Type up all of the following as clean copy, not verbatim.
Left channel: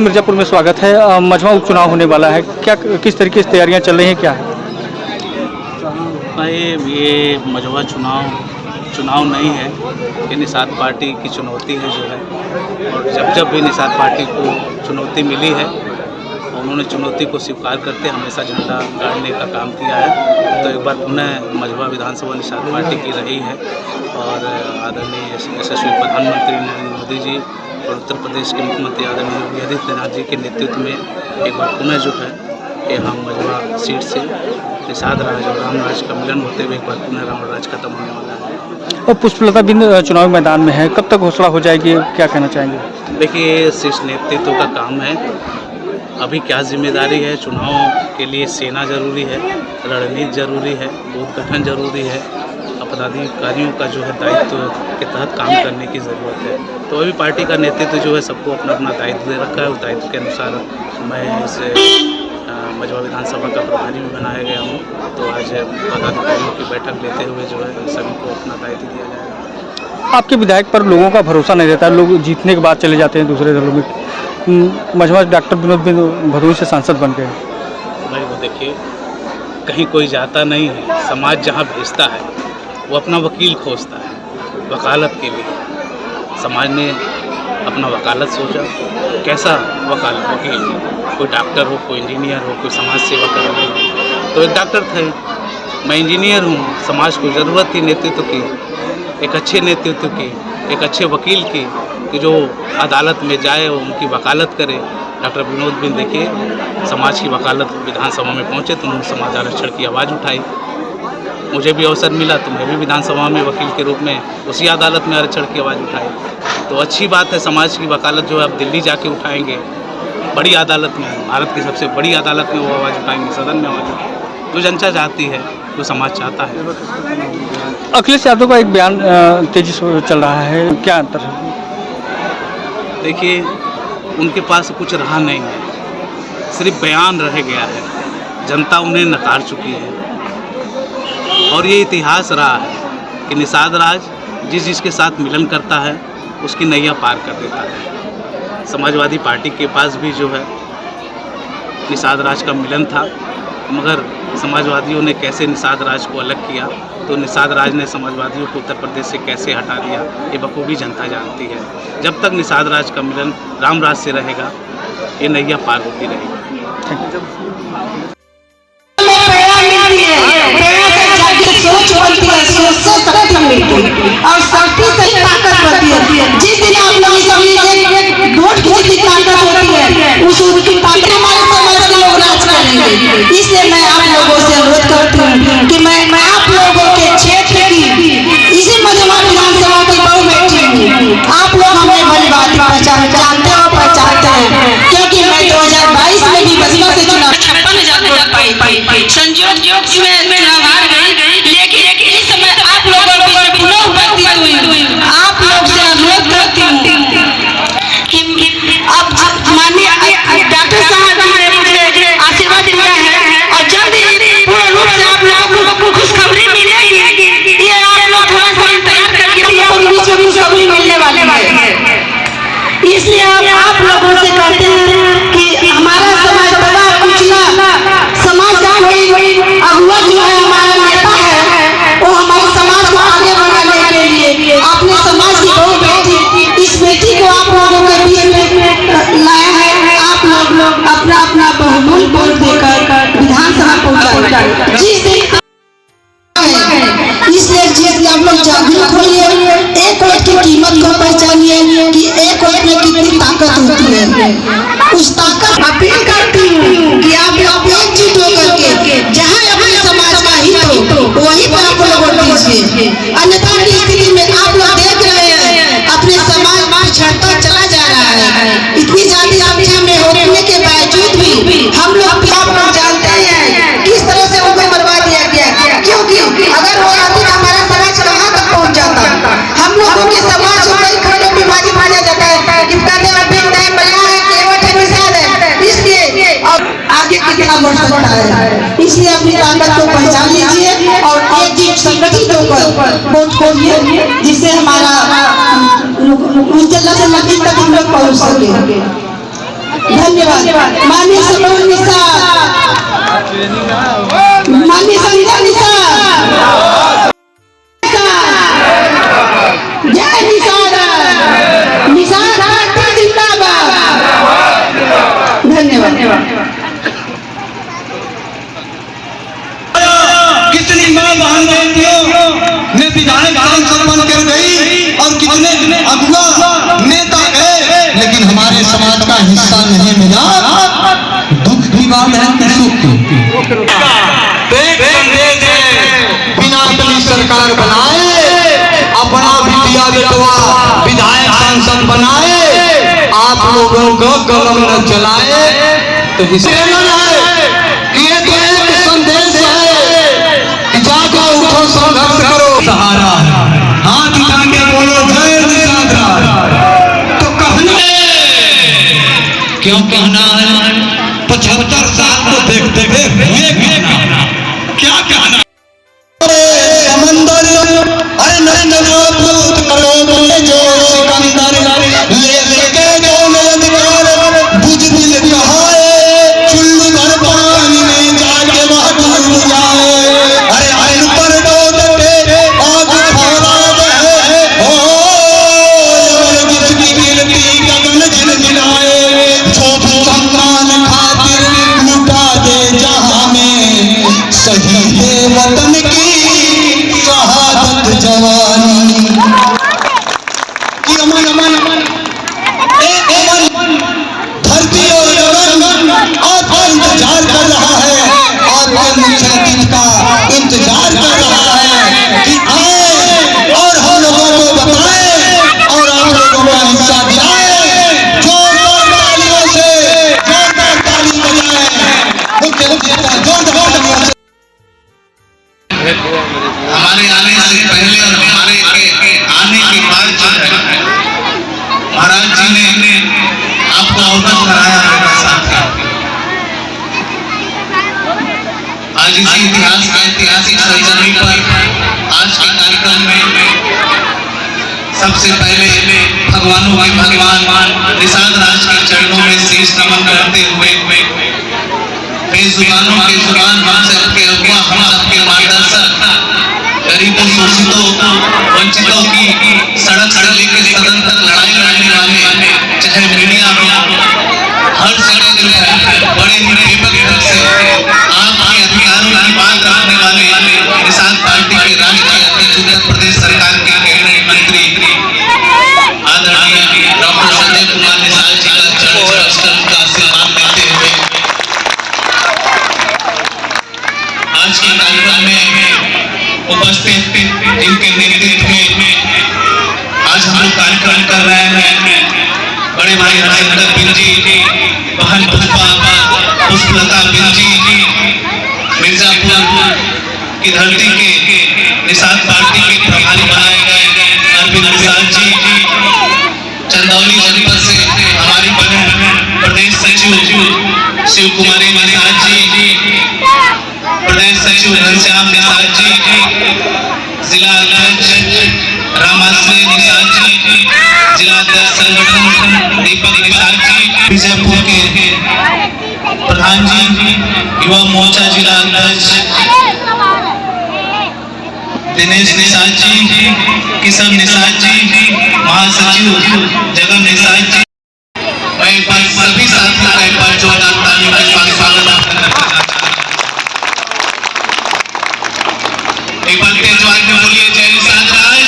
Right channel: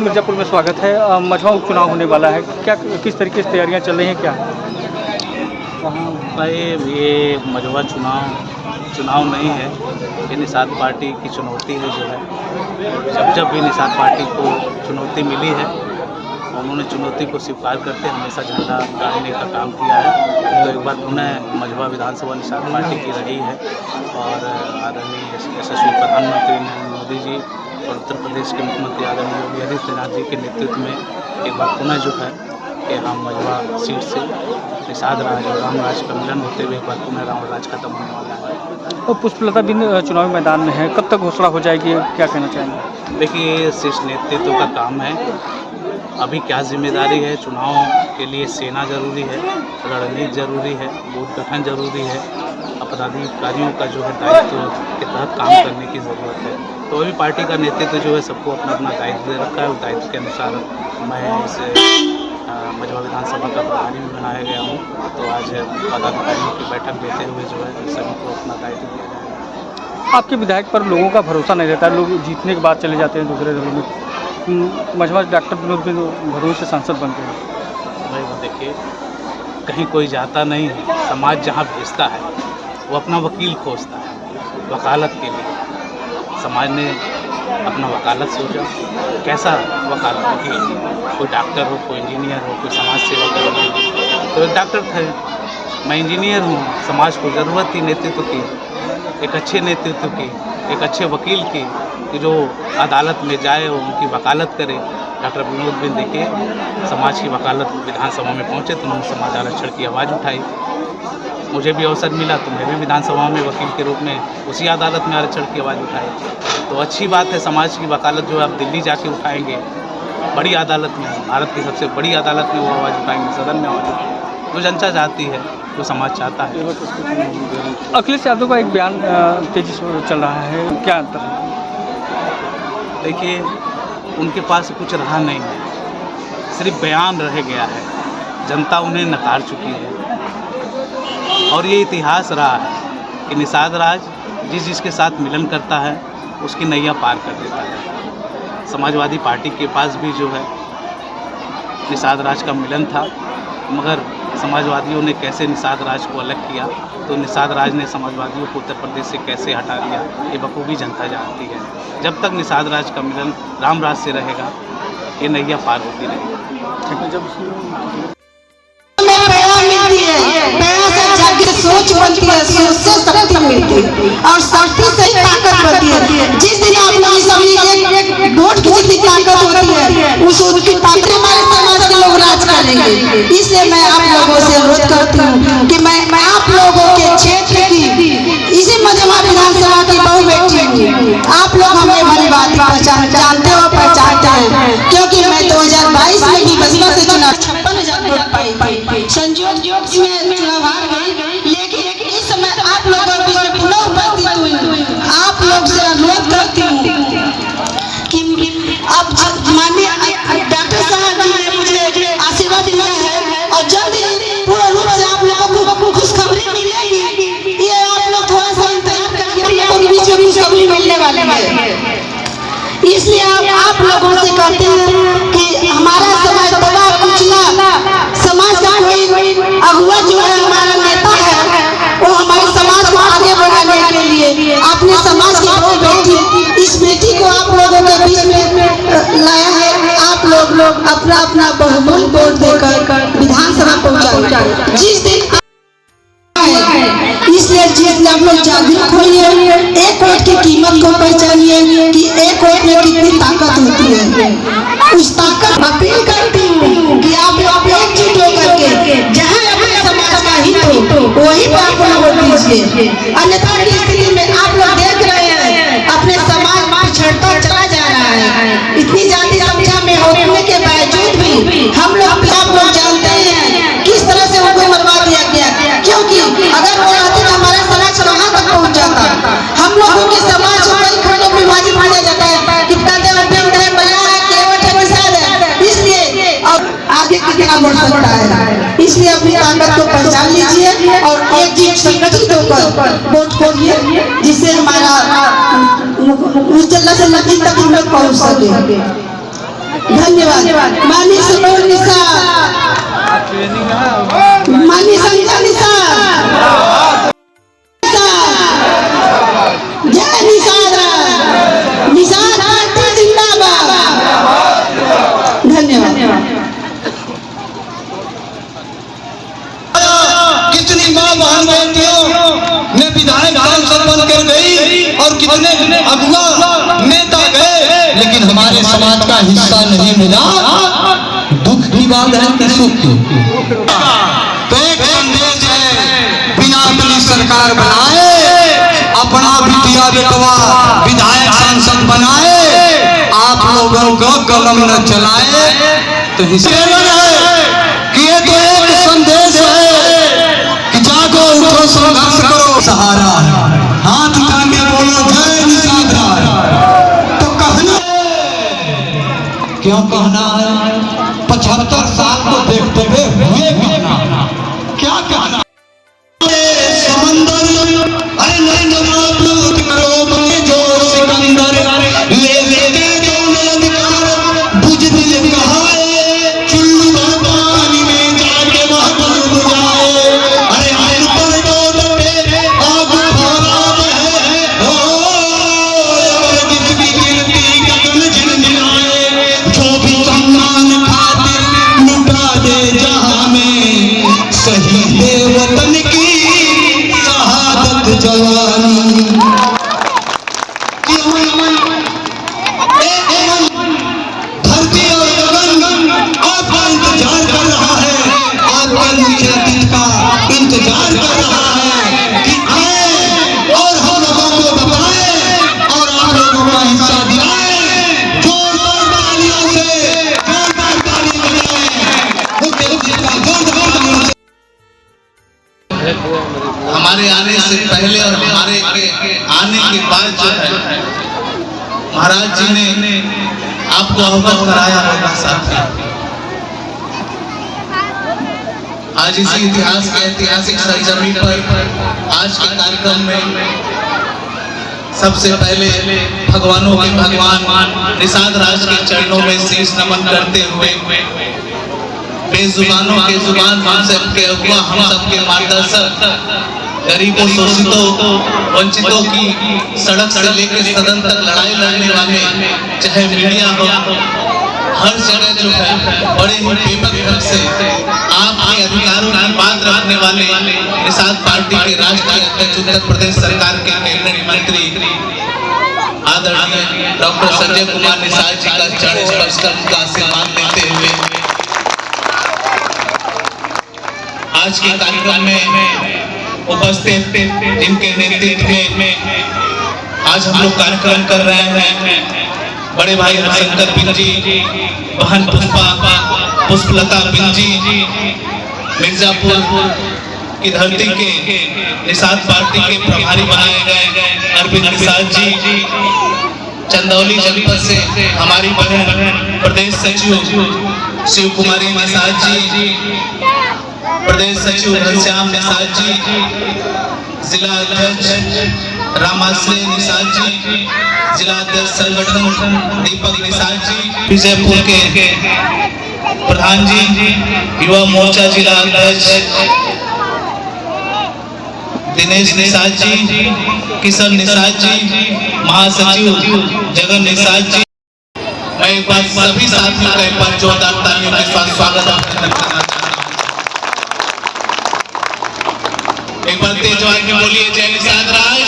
मिर्ज़ापुर में स्वागत है। मजमा उपचुनाव होने वाला है, क्या किस तरीके से तैयारियां चल रही हैं क्या? भाई ये मजवा चुनाव नहीं है, ये निषाद पार्टी की चुनौती है जो है। और जब भी निषाद पार्टी को चुनौती मिली है, उन्होंने चुनौती को स्वीकार करते हमेशा झंडा गाड़ने का काम किया है। तो एक बार पुनः मजवा विधानसभा निषाद पार्टी की रही है और आदरणीय यशस्वी प्रधानमंत्री नरेंद्र मोदी जी और उत्तर प्रदेश के मुख्यमंत्री आदरणीय योगी आदित्यनाथ जी के नेतृत्व में एक बार पुनः जो है कि हम मजवा सीट से निषाद राज और राम राज का मिलन होते हुए एक बार पुनः राम राज खत्म होने वाला है। और पुष्पलता बिंद चुनावी मैदान में है, कब तक घोषणा हो जाएगी, क्या कहना चाहेंगे? देखिए, शीर्ष नेतृत्व का काम है। अभी क्या जिम्मेदारी है, चुनाव के लिए सेना जरूरी है, रणनीति जरूरी है, बूथ गठन जरूरी है, पदाधिकारियों का जो है दायित्व के तहत काम करने की ज़रूरत है। तो अभी पार्टी का नेतृत्व जो है सबको अपना अपना दायित्व दे रखा है। उस दायित्व के अनुसार मैं इस मजवा विधानसभा का प्रभारी भी बनाया गया हूँ। तो आज पदाधिकारियों की बैठक लेते हुए जो है सभी को अपना दायित्व दिया जाएगा। आपके विधायक पर लोगों का भरोसा नहीं रहता है, लोग जीतने के बाद चले जाते हैं दूसरे दलों में। मजवा डॉक्टर विनोद बिंद भदोही से सांसद बन गए। भाई वो देखिए, कहीं कोई जाता नहीं है, समाज जहाँ भेजता है वो अपना वकील खोजता है वकालत के लिए। समाज ने अपना वकालत सोचा, कैसा वकील, कोई डॉक्टर हो, कोई इंजीनियर हो, कोई समाज सेवा करना हो। तो एक डॉक्टर थे, मैं इंजीनियर हूँ। समाज को ज़रूरत थी नेतृत्व की, एक अच्छे नेतृत्व की, एक अच्छे वकील की, कि जो अदालत में जाए और उनकी वकालत करे। डॉक्टर विनोद बिंद देखिए समाज की वकालत विधानसभा में पहुँचे तो उन्होंने समाज आरक्षण की आवाज़ उठाई। मुझे भी अवसर मिला तो मैं भी विधानसभा में वकील के रूप में उसी अदालत में आरक्षण की आवाज़ उठाई। तो अच्छी बात है, समाज की वकालत जो है आप दिल्ली जाके उठाएंगे, बड़ी अदालत में, भारत की सबसे बड़ी अदालत में वो आवाज़ उठाएंगे, सदन में आवाज़ उठाएंगे। जो जनता चाहती है, जो समाज चाहता है। अखिलेश यादव का एक बयान तेजी से चल रहा है, क्या अंतर है? देखिए, उनके पास कुछ रहा नहीं है, सिर्फ बयान रह गया है। जनता उन्हें नकार चुकी है और ये इतिहास रहा है कि निषाद राज जिसके साथ मिलन करता है उसकी नैया पार कर देता है। समाजवादी पार्टी के पास भी जो है निषाद राज का मिलन था, मगर समाजवादियों ने कैसे निषाद राज को अलग किया, तो निषाद राज ने समाजवादियों को उत्तर प्रदेश से कैसे हटा दिया, ये बखूबी जनता जानती है। जब तक निषाद राज का मिलन राम राज से रहेगा, ये नैया पार होती रहेगी। और शक्ति से ताकत होती है। जिस दिन आप लोग सभी वोट की जितनी ताकत होती है, उस उनकी ताकत हमारे समाज के लोग राज करेंगे। इसलिए मैं आप लोगों से अनुरोध करती हूँ कि मैं आप लोगों के क्षेत्र की इसी मजवा विधानसभा की बहु बेटी हूँ। आप लोग हमें भली बात जानते हो, पहचानते हैं, क्योंकि मैं 2022 में भी मजवा से चुनाव 56,000 वोट पाई। संयोग में चुनाव हार गई, लेकिन इस समय आप लोगों को पुनः उपस्थित हुई। आप लोग से अनुरोध करती हूँ कि अब माननीय डॉक्टर साहब जी ने मुझे आशीर्वाद दिया है और जल्द ही पूर्ण रूप से आप लोगों को खुशखबरी मिलेगी। ये आप लोग थोड़ा सा इंतजार करिए, खुशखबरी मिलने वाली है। इसलिए आप लोगों से कहते हैं कि हमारा समाज दबा कुचला समाज का कोई अगुआ जो है, हमारा नेता है, वो हमारे समाज को आगे बढ़ाने के लिए अपने समाज की बहु बेटी, इस बेटी को आप लोगों के बीच में लाया है। आप लोग अपना अपना बहुमूल्य वोट देकर विधानसभा पहुंचाए। जिस दिन इसलिए जिस आप लोग जागरूक होइए, एक वोट की कीमत को पहचानिए कि एक वोट में कितनी ताकत होती है। उस ताकत अपील करती हूँ कि आप लोग एकजुट होकर के जहाँ अपने समाज का हित हो वहीं पर आप लोग वोट दीजिए। अन्यथा की स्थिति में आप लोग देख रहे हैं अपने समाज पिछड़ता चला जा रहा है। इतनी ज्यादा संख्या में होने के बावजूद भी हम लोग जानते हैं किस तरह से उनको मरवा दिया गया, क्योंकि अगर वो आते हमारा समाज कहाँ तक पहुँच जाता। हम लोगों के समाज को कई खंडों में विभाजित किया जाता है, कितना आगे कितना बढ़ सकता है। इसलिए अपनी ताकत को पहचान लीजिए और एकजुट संगठित होकर वोट खोजिए, जिससे हमारा उज्ज्वला से नदी तक हम लोग पहुँच सके। धन्यवाद। माननीय सलोन निसार, माननीय संध्या निसार, जय निसार, निसार पार्टी जिंदाबाद। धन्यवाद। कितनी माँ बहन बेटियों में विधायक सांसद बनकर गई और कितने अगुआ नेता गए, लेकिन हमारे समाज का हिस्सा नहीं मिला। दुख की बात है कि सुख की। बिना कली सरकार बनाए अपना भी दिया बेटवा विधायक सांसद बनाए, आप लोगों को कलम न चलाए तो हिस्से न रहे। ये तो एक संदेश है कि जागो, उठो, संघर्ष करो। सहारा हाथ उठा के बोलो जय निसार। तो कहना क्यों कहना है? 75 साल को देखते हुए कहना क्या कहना? समंदर अरे नहीं नमोद करो जो सिकंदर ले लेके जो अधिकार बुझ दिल कहाए चुल्लू भर पानी में जाके वह डूब जाए। अरे आयु पर डोब के आग फौरा है ओ जिसकी गिरती गगन झिलझिलाए। जो भी सम्मान खातिर लुटा दे जहां में शहीद वतन की शहादत जवानी की अमन अमन एक अमन धरती और गगन आपका इंतजार कर रहा है। आपके नीचे दिल का इंतजार कर रहा है कि आए और हम लोगों को बताए और आप लोगों को हिस्सा दिलाए। जोरदार तालियों से जोरदार ताली बजाए। हमारे आने से पहले और हमारे आने के बाद जो है महाराज जी ने आपको अवगत कराया होगा साथियों। आज इसी इतिहास के ऐतिहासिक सरजमी पर आज के कार्यक्रम में सबसे पहले भगवानों के भगवान निषाद राज के चरणों में शीश नमन करते हुए बेजुबानों के जुबान हम सबके अगुआ, हम सबके मार्गदर्शक, गरीबों, शोषितों, वंचितों की सड़क से लेकर सदन तक लड़ाई लड़ने वाले, चाहे मीडिया में हर जगह जो है बड़े बेपक ढंग से आपके अधिकारों की मांग रखने वाले निषाद पार्टी के राष्ट्रीय अध्यक्ष, उत्तर प्रदेश सरकार के कैबिनेट मंत्री आदरणीय डॉक्टर संजय कुमार निषाद जी का चरण स्पर्श का आशीर्वाद देते हुए आज के कार्यक्रम में उपस्थित जिनके नेतृत्व में आज हम लोग कार्यक्रम कर रहे हैं, बड़े भाई हरशंकर बिन जी, बहन पुष्पलता बिन जी, मिर्जापुर की धरती के निषाद पार्टी के प्रभारी बनाए गए अरविंद निषाद जी, चंदौली जनपद से हमारी बहन प्रदेश सचिव शिव कुमारी निषाद जी, प्रदेश सचिव घनश्याम निषाद जी, जिला अध्यक्ष रामाश्रय निषाद जी, जिला अध्यक्ष संगठन दीपक निषाद जी, बीजापुर के प्रधान जी, युवा मोर्चा जिला अध्यक्ष दिनेश निषाद जी, किशन निषाद जी, महासचिव जगन निषाद जी। मैं एक बार सभी साथियों का एक बार जोरदार तालियों के साथ स्वागत करता हूं। एक बार तेज जोर में बोलिए जय निषाद राज।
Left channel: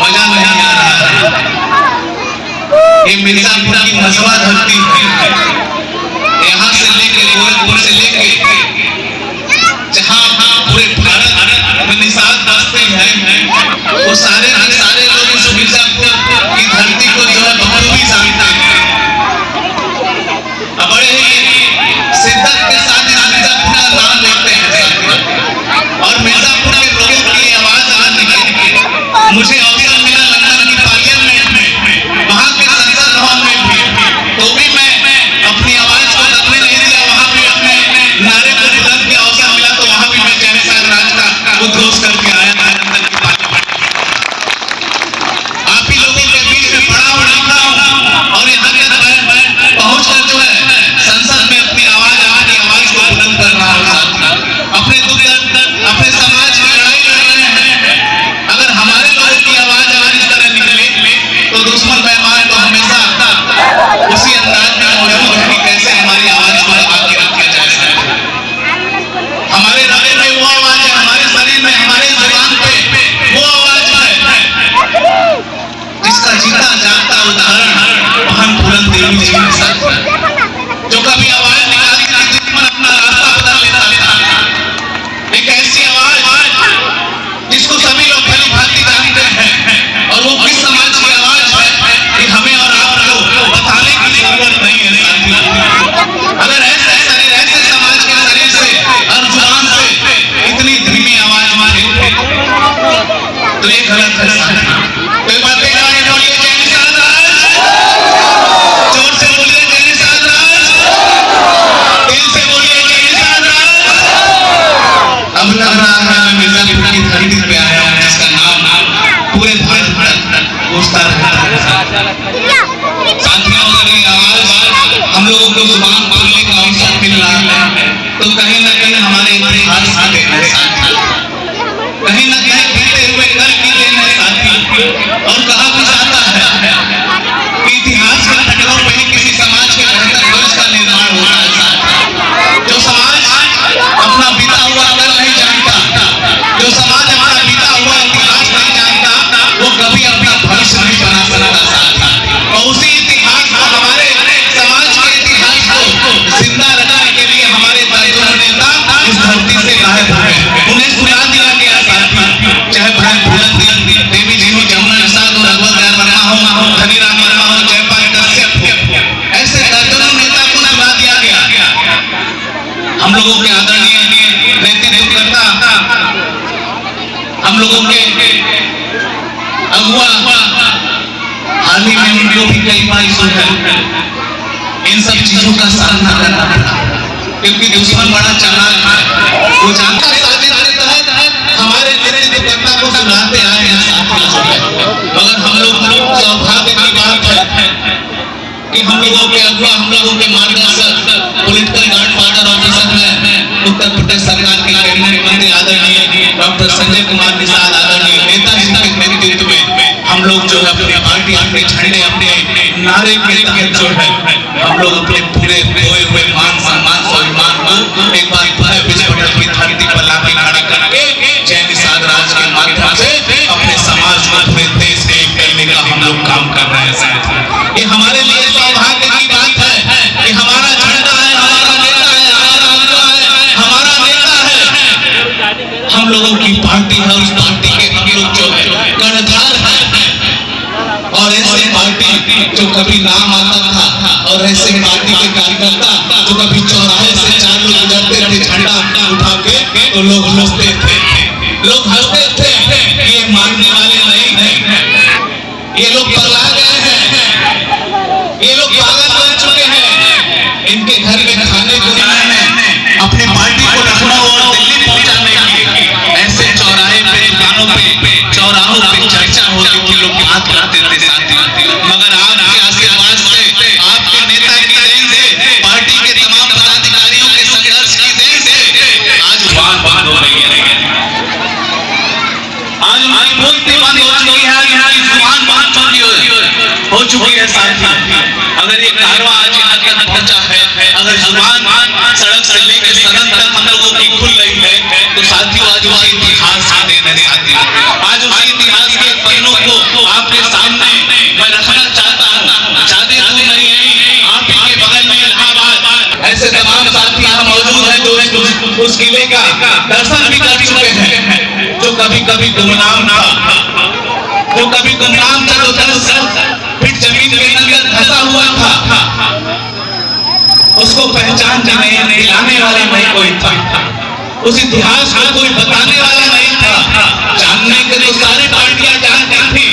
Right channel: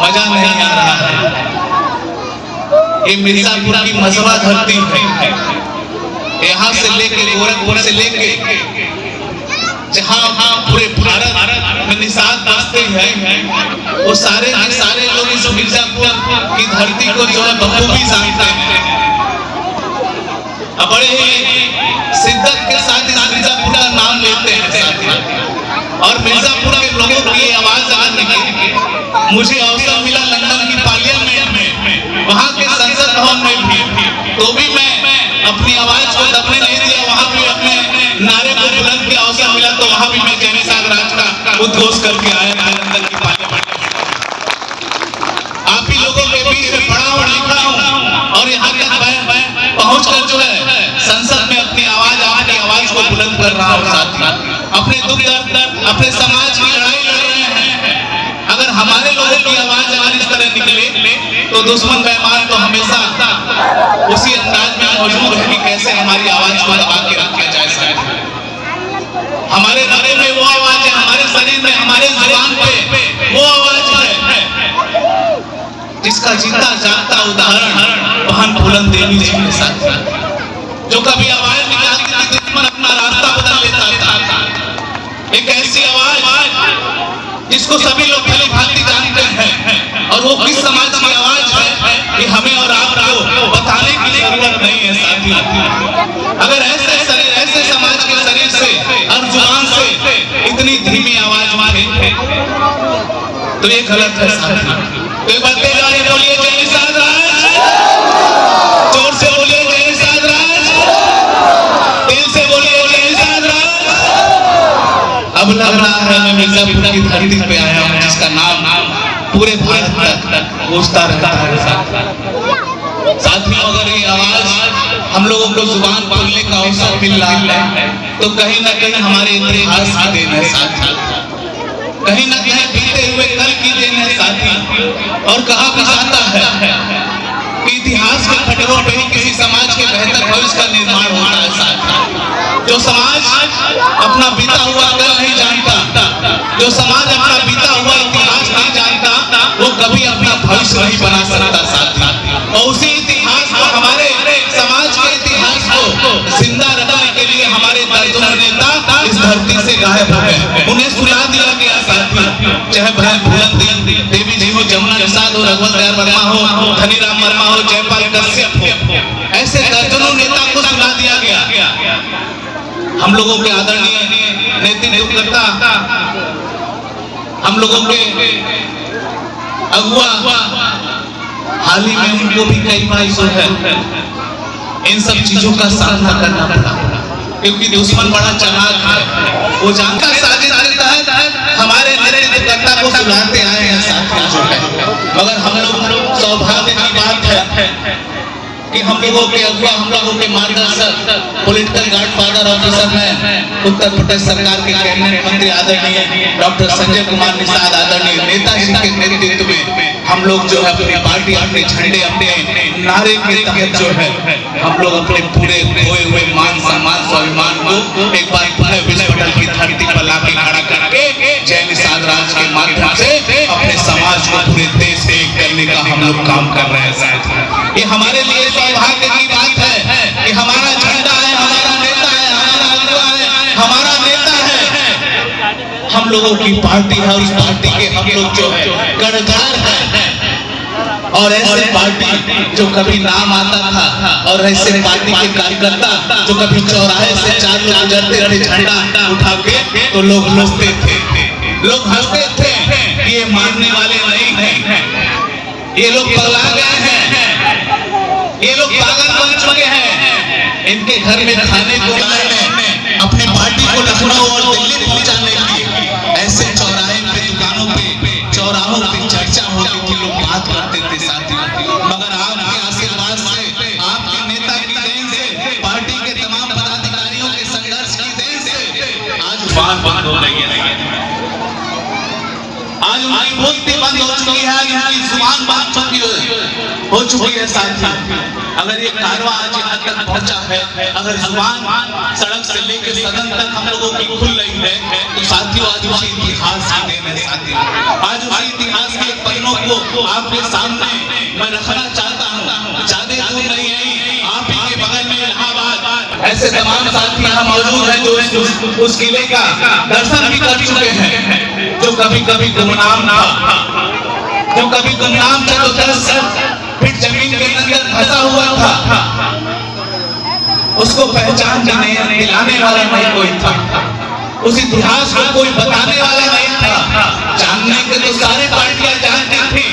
मजा नहीं आ रहा है। ये मिर्जापुर की मजवा धरती है, यहाँ से लेके गोरखपुर से लेके जहाँ पूरे भारत में निषाद बसते हैं, वो सारे के सारे लोग इस मिर्जापुर की धरती को जो है बखूबी जानते हैं। बड़े ही शिद्दत के साथ इस मिर्जापुर का नाम लेते हैं और मिर्जापुर के लोगों की आवाज आने के मुझे अवसर मिला लंदन की पार्लियामेंट में, वहाँ के संसद भवन में भी, तो भी मैं अपनी आवाज को दबने नहीं दिया, वहाँ पे अपने नारे को तो ये गलत है साथियों। तो ये बातें जाने बोलिए जय निषाद राज, जोर से बोलिए जय निषाद राज, दिल से बोलिए जय निषाद राज। अब लग रहा है मैं मिर्जापुर की धरती पे आया हूँ जिसका नाम पूरे भारत में गूंजता रहता है। साथियों अगर ये आवाज हम लोगों को जुबान बोलने का अवसर मिल रहा है तो कहीं ना कहीं हमारे इतिहास की देन है साथियों, कहीं ना कहीं बीते हुए कल की देन है साथियों। और कहा भी जाता है कि इतिहास के पटलों पे ही किसी समाज के बेहतर भविष्य का निर्माण होता है साथियों। जो समाज अपना बीता हुआ कल नहीं जानता, जो समाज अपना बीता हुआ इतिहास नहीं जानता, वो कभी अपना भविष्य नहीं बना सकता साथियों। और उसी इतिहास को, हमारे समाज के इतिहास को जिंदा रखने के लिए हमारे दर्जनों नेता इस धरती से गायब हो गए, उन्हें सुला दिया गया साथियों। चाहे भाई देवी जी हो, जमुना प्रसाद हो, रघुवर वर्मा हो, धनीराम वर्मा हो, जयपाल कश्यप हो, ऐसे दर्जनों नेता को सुला दिया गया। हम लोगों के आदरणीय नेतृत्वकर्ता, हम लोगों के अगुआ, हाल ही में उनको भी कई बार इन सब चीजों का सामना करना पड़ा, क्योंकि दुश्मन बड़ा चालाक है, वो जानता साजिश के तहत हमारे नेतृत्वकर्ता को सुनाते आए हैं साथियों जो है। मगर हम लोग सौभाग्य की बात है कि हम लोगों के अगुआ, हम लोगों के मार्गदर्शक, पॉलिटिकल गॉडफादर और जिसमें उत्तर प्रदेश सरकार के कैबिनेट मंत्री आदरणीय डॉक्टर संजय कुमार निषाद आदरणीय नेताजी के नेतृत्व में हम लोग जो है अपनी पार्टी, अपने झंडे, अपने नारे के तहत जो है हम लोग अपने पूरे खोए हुए मान सम्मान स्वाभिमान को एक बार फिर विजय पटल की धरती पर लाके खड़ा करके जय निषाद राज के माध्यम से अपने समाज को पूरे देश में एक करने का हम लोग काम कर रहे हैं साथियों। ये हमारे लिए सौभाग्य की बात है कि हमारा झंडा है, हमारा नेता है, हमारा अगुआ है, हमारा नेता है, हम लोगों की पार्टी है, उस पार्टी के हम लोग जो है कर्णधार है। और ऐसे पार्टी जो कभी नाम आता था, और ऐसे पार्टी के कार्यकर्ता जो कभी चौराहे से चार लोग गुजरते थे झंडा उठा के तो लोग हंसते थे, लोग हंसते थे। ये मानने वाले नहीं हैं, ये लोग पगला गए हैं, ये लोग पागल बन चुके हैं। इनके घर में खाने को नहीं है, अपने पार्टी को लखनऊ और दिल्ली पहुंचाने के लिए ऐसे चौराहे पे, दुकानों पे, चौराहों पे चर्चा होती थी, लोग बात करते थे साथियों। मगर आपके आशीर्वाद से, आपके नेता की देन से, पार्टी के तमाम पदाधिकारियों के संघर्ष की देन से आज बात हो रही है, आज हमारी बोलती बंद हो चुकी है, यहाँ की जुबान बंद हो चुकी है साथियों। अगर ये कारवां आज यहाँ तक पहुंचा है, अगर जुबान सड़क से लेकर सदन तक हम लोगों की खुल रही है, तो साथियों आज उसी इतिहास की देन है साथियों। आज उसी इतिहास के पन्नों को आपके सामने मैं रखना चाहता हूँ। ज्यादा दूर नहीं है, आप ही के बगल में इलाहाबाद ऐसे तमाम साथी यहाँ मौजूद हैं जो उस किले का दर्शन भी कर चुके हैं, जो कभी कभी गुमनाम था, जो कभी गुमनाम था, तो 10 फीट जमीन के अंदर फंसा हुआ था, उसको पहचान दिलाने वाला नहीं कोई था, उस इतिहास को कोई बताने वाला नहीं था। जानने के तो सारी पार्टियां जानती थी,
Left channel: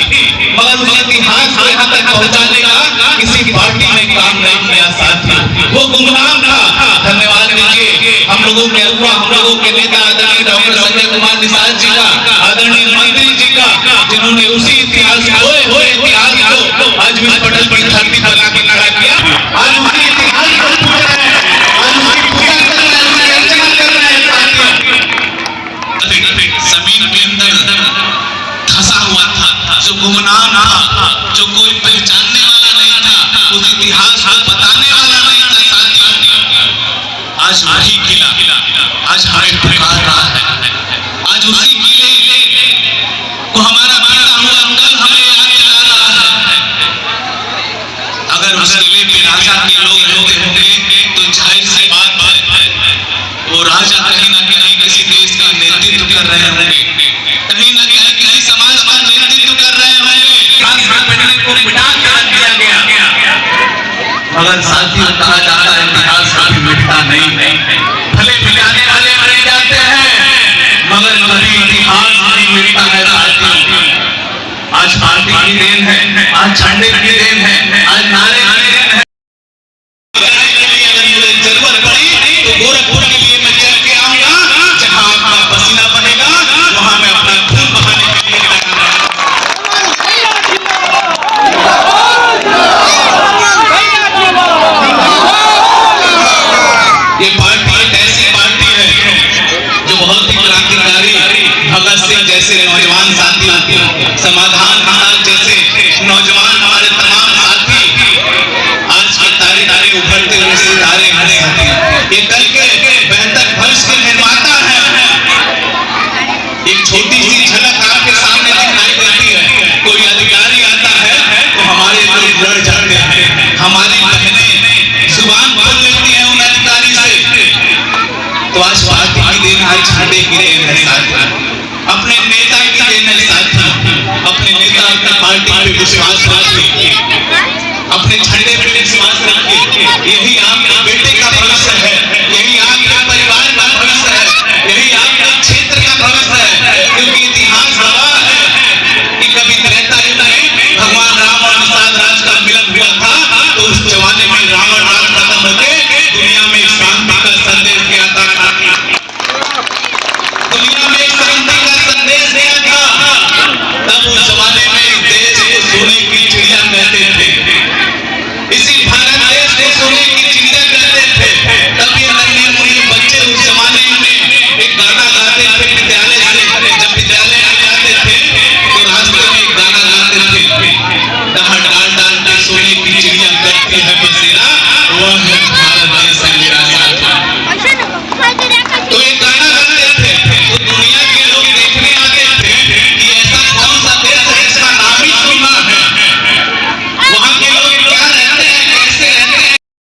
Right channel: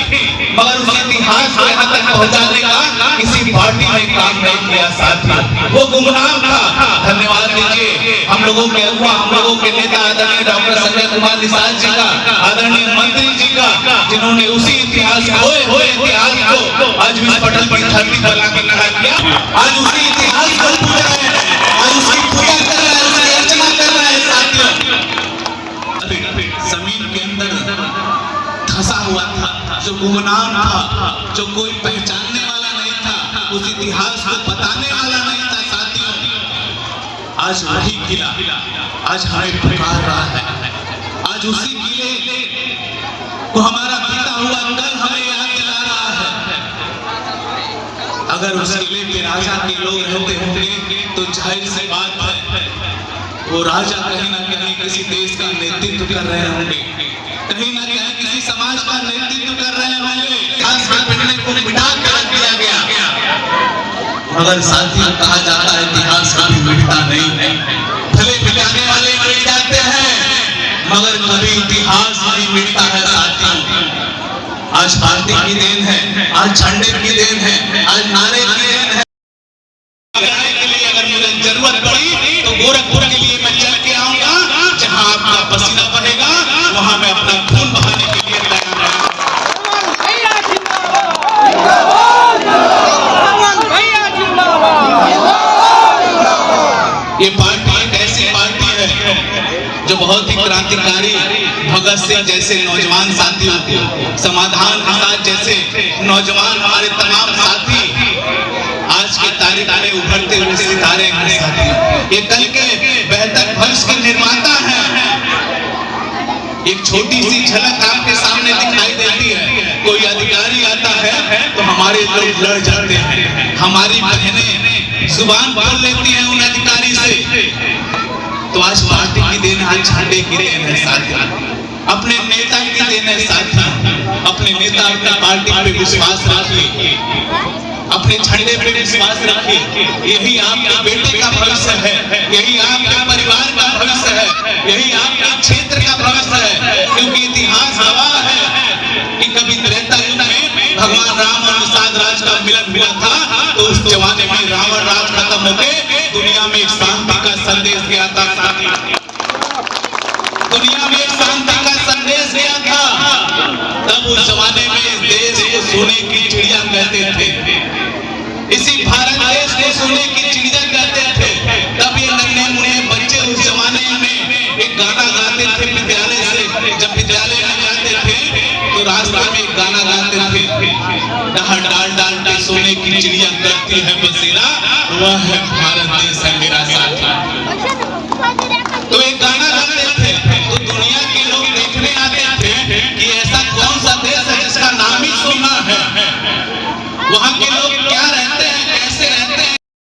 मगर उस इतिहास को यहाँ तक पहुँचाने का किसी पार्टी ने काम नहीं किया साथियों, वो गुमनाम था। धन्यवाद दीजिए हम लोगों के अगुआ, हम लोगों के नेता आदरणीय डॉक्टर संजय कुमार निषाद जी का, आदरणीय मंत्री जी का, जिन्होंने उसी इतिहास को आज भी पटल की धरती पर लाके खड़ा किया। आज उसी इतिहास को पूछ रहे हैं, आज उसकी पूजा कर रहे हैं, उसकी अर्चना कर रहे हैं साथियों। जमीन के अंदर फंसा हुआ था, जो गुमनाम था, जो कोई पहचानने वाला नहीं था, उस इतिहास को बताने वाला नहीं था साथियों। आज वही किला आज हमें पुकार रहा है, आज उसी किले को हमारा बीता हुआ कल हमें याद दिला रहा है। अगर उस किले पे राजा के लोग रहते होंगे तो जाहिर सी बात है वो राजा कहीं ना कहीं किसी देश का नेतृत्व कर रहे होंगे, कहीं ना कहीं किसी समाज का नेतृत्व कर रहे होंगे। को मिटा कर दिया गया, मगर साथियों कहा जाता है इतिहास कभी मिटता नहीं, भले मिटाने वाले मर जाते हैं मगर कभी इतिहास नहीं मिटता है साथियों। आज पार्टी की देन है, आज झंडे की देन है, आज नारे की देन है। अगर मुझे जरूरत पड़ी तो गोरखपुर के लिए मैं चल के आऊंगा, जहां आपका पसीना बनेगा वहां मैं अपना खून बहाने के लिए आऊंगा। ये पार्टी एक ऐसी पार्टी है जो बहुत ही क्रांतिकारी भगत सिंह जैसे नौजवान साथी, समाधान महाराज जैसे नौजवान हमारे तमाम साथी, आज के तारे तारे उभरते हुए सितारे हैं साथी, ये कल के बेहतर भविष्य के निर्माता हैं। एक छोटी सी झलक आपके सामने दिखाई देती है, कोई अधिकारी आता है तो हमारे लोग लड़ जाते हैं, हमारी बहनें जुबान खोल लेती हैं उन अधिकारी से। तो आज पार्टी की देन है, झंडे गिरे हैं साथी, अपने नेता की देन है साथी, अपने नेता अपने पार्टी पे विश्वास रखिए, अपने झंडे पे विश्वास रखिए। यही आपके बेटे का भविष्य है, यही आपके परिवार का भविष्य है, यही आपके क्षेत्र का भविष्य है, क्योंकि इतिहास गवाह है कि कभी त्रेता युग में भगवान राम और निषाद राज का मिलन हुआ था, तो उस जमाने में रावण राज खत्म होके दुनिया में शांति का संदेश दिया था, दुनिया में शांति का संदेश दिया था। तब उस जमाने में देश को सोने की चिड़िया कहते थे, इसी भारत देश को सोने की चिड़िया कहते थे। तब ये नन्हे मुन्ने बच्चे उस जमाने में एक गाना गाते थे विद्यालय से, जब विद्यालय में जाते थे तो रास्ते में एक गाना गाते थे, डाल डाल के सोने की चिड़िया करती है बसेरा, वह है भारत देश।